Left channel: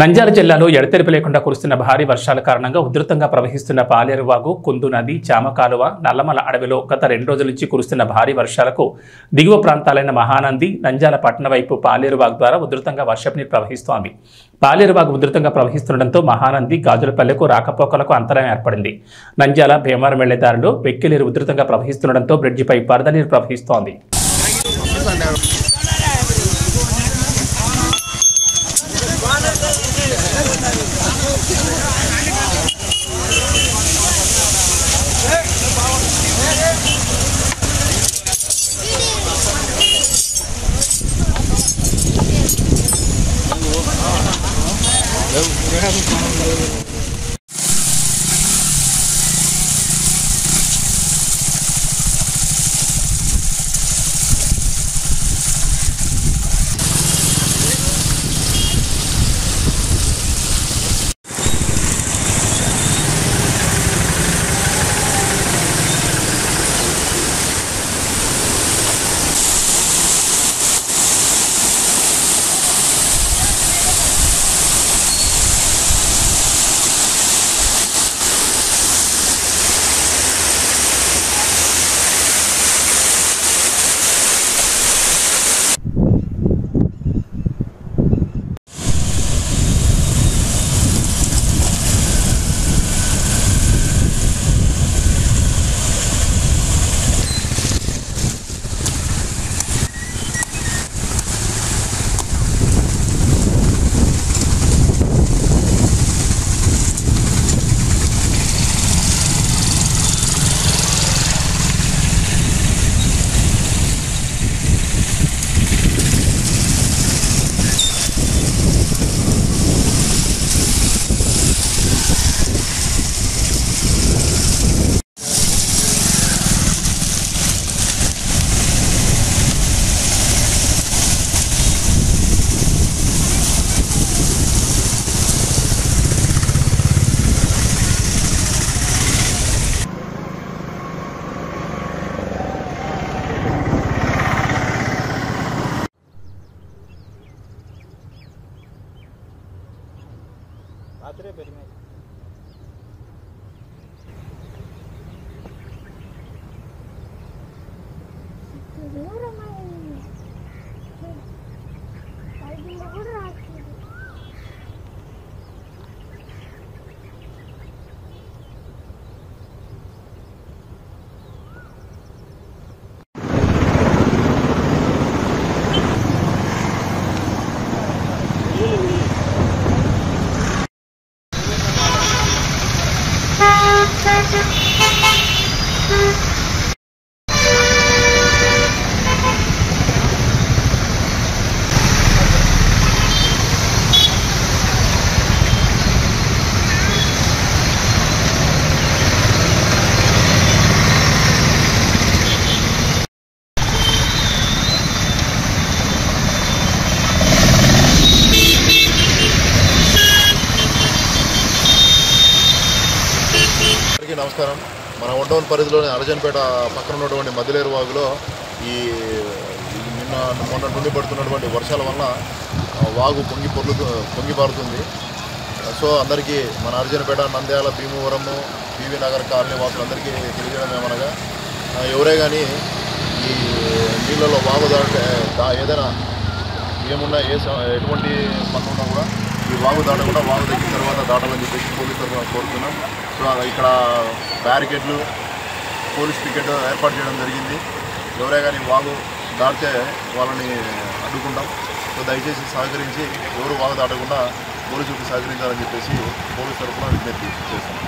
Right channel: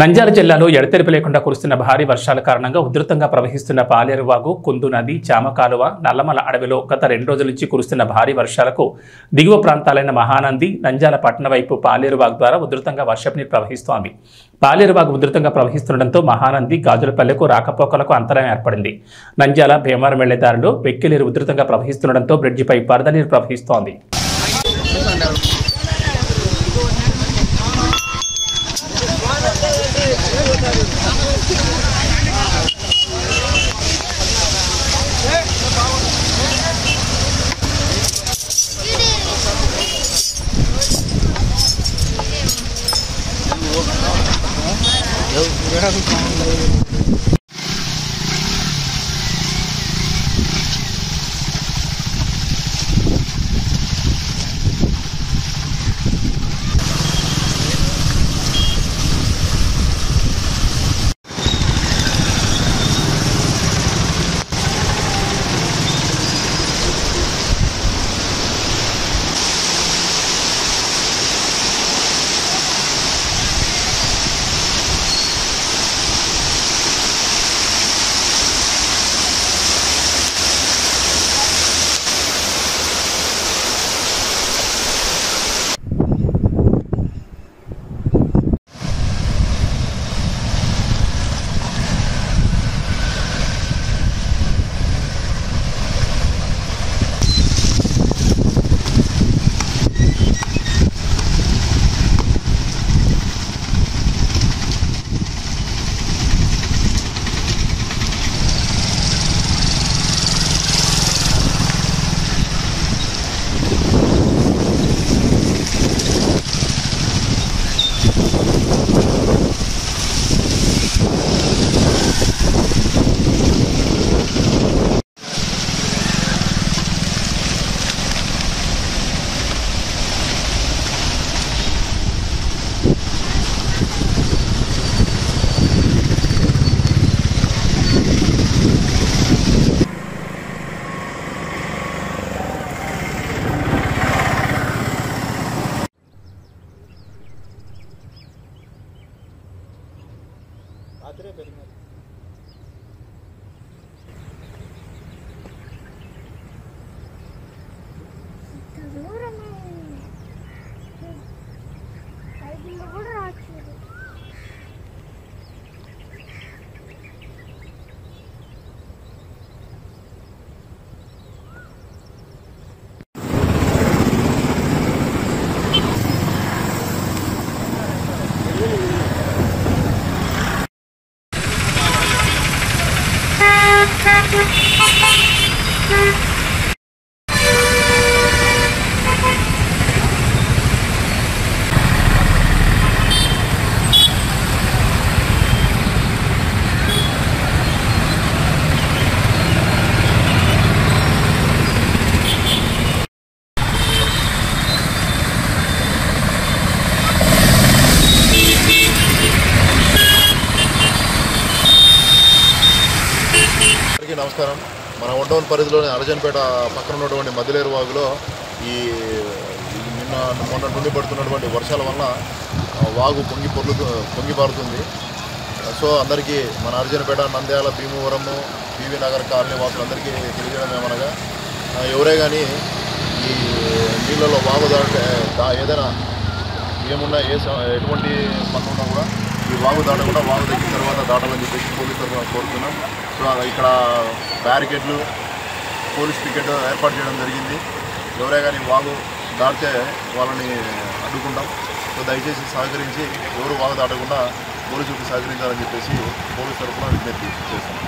నంద్యాల జిల్లాలో ఎడతెరిపి లేకుండా కురుస్తున్న భారీ వర్షాల కారణంగా ఉధృతంగా ప్రవహిస్తున్న పాలేరువాగు, కుందు నది, చామకాలువ, నల్లమల అడవిలో గత 2 రోజుల నుంచి కురుస్తున్న భారీ వర్షాలకు దిగువ ప్రాంతాలైన మహానంది, నంద్యాల పట్టణ వైపు పాలేరువాగు ద్వారా ఉధృతంగా వర్షపు నీరు ప్రవహిస్తోంది. పాలేరువాగు ఉధృతంగా ప్రవహిస్తుండటంతో మహానంది, గాజులపల్లెకు రాకపోకలకు అంతరాయం ఏర్పడింది. నంద్యాల, భీమవరం వెళ్లే దారిలో వెక్కిలీరు ఉధృతంగా ప్రవహిస్తుండటంతో బ్రిడ్జిపై వరద నీరు ప్రవహిస్తోంది. నమస్కారం. మన ఒండోన్ పరిధిలోని అరజన్పేట పక్కన ఉన్నటువంటి మదిలేరు వాగులో మొన్న నుండి పడుతున్నటువంటి వర్షాల వల్ల వాగు పొంగి పారుతుంది. సో అందరికీ మన అరజన్పేట, నంద్యాల, భీమవరము, పివి నగర్ కాలనీ వాసులందరికీ తెలియజేయడం ఏమనగా, ఎవరే కానీ ఈ నీళ్ళలో వాగు ఏదైనా ఏమున్నా ఎటువంటి పనులు ఉన్నా కూడా ఈ వాగు దాటకుండా వాగు తగ్గిన తర్వాత దాటాలని చెప్పేసి పోలీసులు కోరుతున్నాం. సో ఇక్కడ బ్యారికేడ్లు, పోలీస్ పికెట్ ఏర్పాటు చేయడం జరిగింది. ఎవరే కానీ వాగు దాటితే వాళ్ళని అడ్డుకుంటాం. సో దయచేసి సహకరించి ఎవరు వాగు దాటకుండా పోలీసులకు సహకరించాలని చెప్పేసి పోలీసు తరఫున విజ్ఞప్తి చేస్తున్నాం.